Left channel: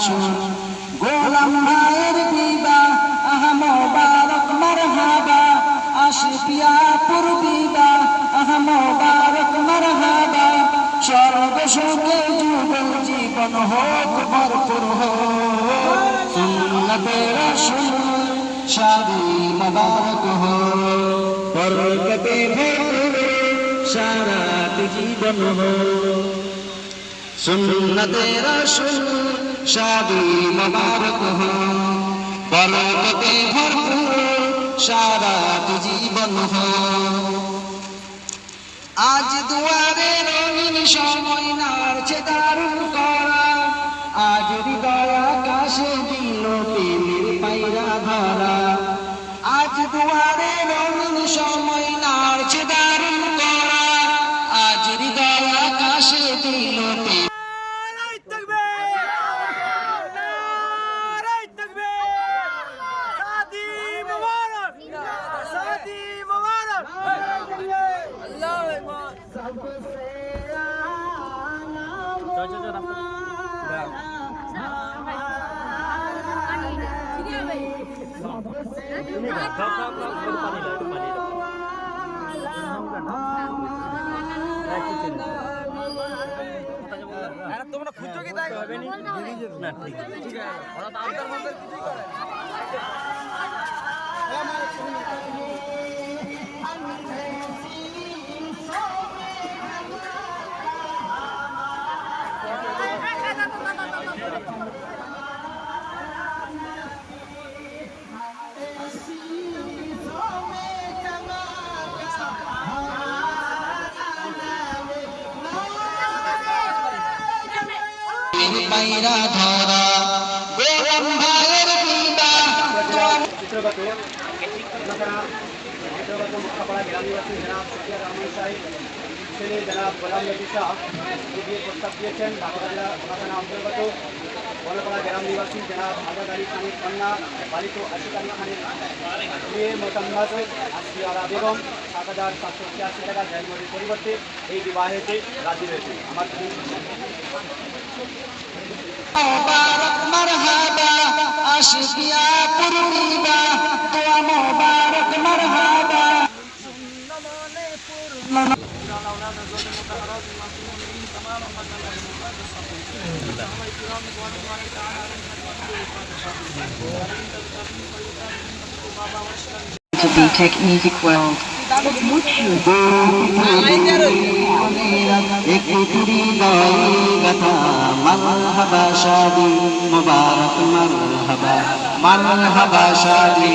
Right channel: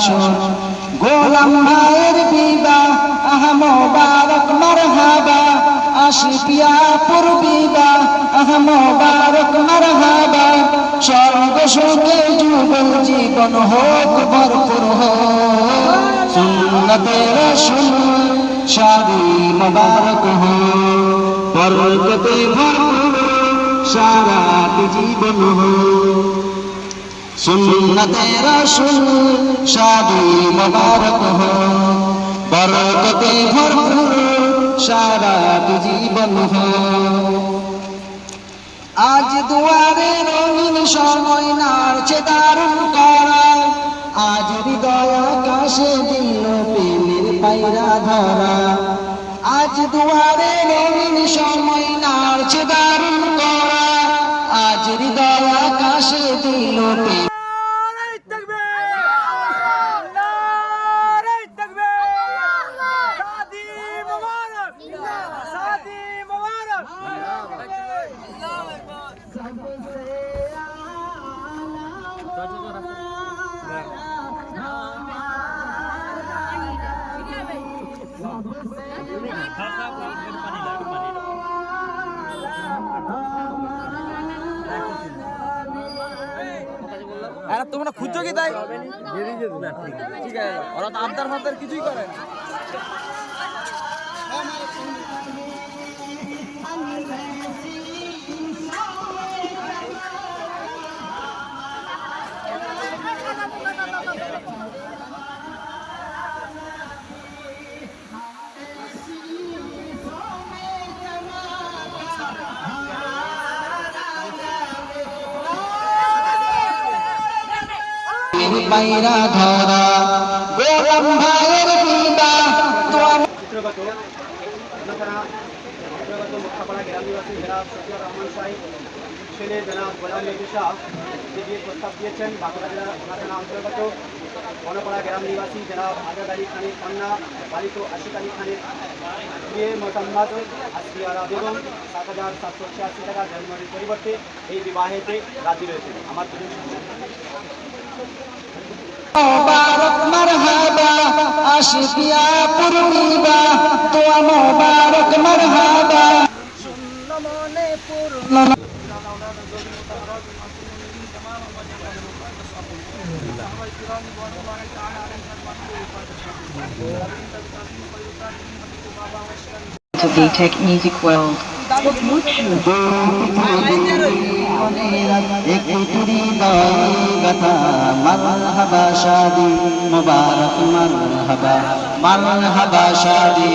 আসন গোলাম ভাইয়ের বিদা আহমবারক মারহাবা। আশিকিয়া পূর্বিদা আহমবারক মারহাবা। স্বর্গ সুখে যুগল জীবন হোক, ভরপুর হোক। সুন্নতে রসুল শাদি মুবারক হো বরকতে ভরপুর, সারা জীবন হো সুন্নতে রসুল শাদি মুবারক হো। বরকতে ভরপুর সারা জীবন হো। আজ দুয়ারে রঙিন সময় নাড়ছে দারুণ করা। আজ হৃদয় আকাশে দিল প্রেমের পায়রা ধরা। আজ দুয়ারে রঙিন সময় নাড়ছে দারুণ করা। আর তোমরা খুঁজছো কি তাই? না ঠিক ঠিক আছে। ওরা তো আবদার মাবদার কিছুই করে না। পায়রা ধরা গোলাম ভাইয়ের চিত্রগত মুখাপাড়া গ্রাম নিবাসী জনাব সফিয়া রহমান সাহেব ছেলে জনাব গোলাম নবী প্রস্তাব দিয়েছেন, বাঁকুড়া জেলা থানা অন্তর্গত বনপাড়া গ্রাম নিবাসী জনাব আজাদ আলী খানের কন্যা বালিক আশিক আলী খানের বিয়ে মোতাম্মাদ আসিয়ারা বেগম, সাত হাজার সাতশো ছিয়াশি টাকা জন্মের পরিবর্তে এই বিবাহেতে রাজি রয়েছে আমার আশিকিয়া পূর্ণিবা দোয়া World. একটি কথা মারহাবা শাদি মুবারক মারহাবা মারহাবা শাদি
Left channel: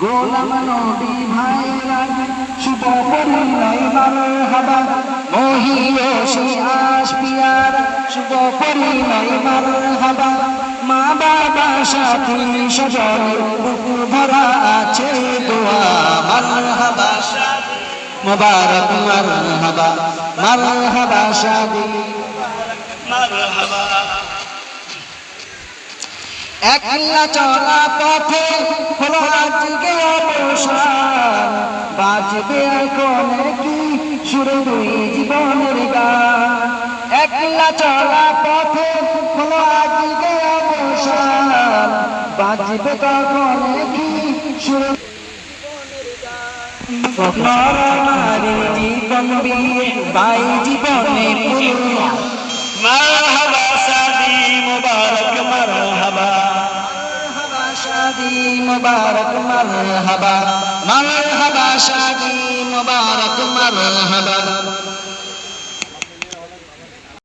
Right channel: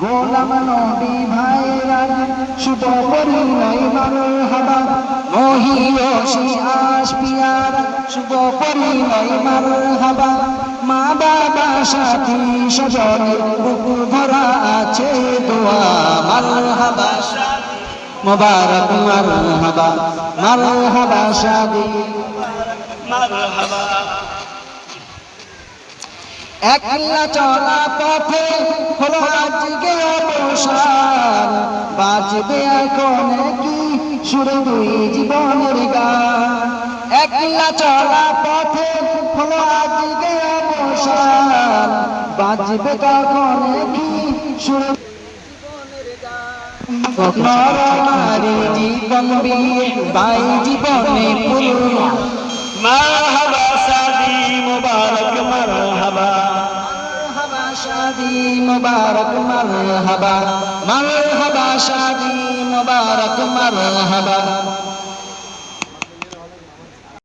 গোলাম নবী ভাইরা শুভ পরিণয় মারহাবা মহিও শিয়াস পিয়ার মারহাবা মা বাবা সাথী সজনের বুকুর ভরা আছে দোয়া, মারহাবা মারহাবা মারহাবা শাদি একলা চলা পথে বাজবে এখন কি সুরে দুই জীবনের গান। একলা চলা পথে হলো আজকে অবসান। বাজবে কখন কি সুরে জীবন বিয়ে বাই জীবনে शादी मुबारक मरहबा मरहबा शादी मुबारक मरहबा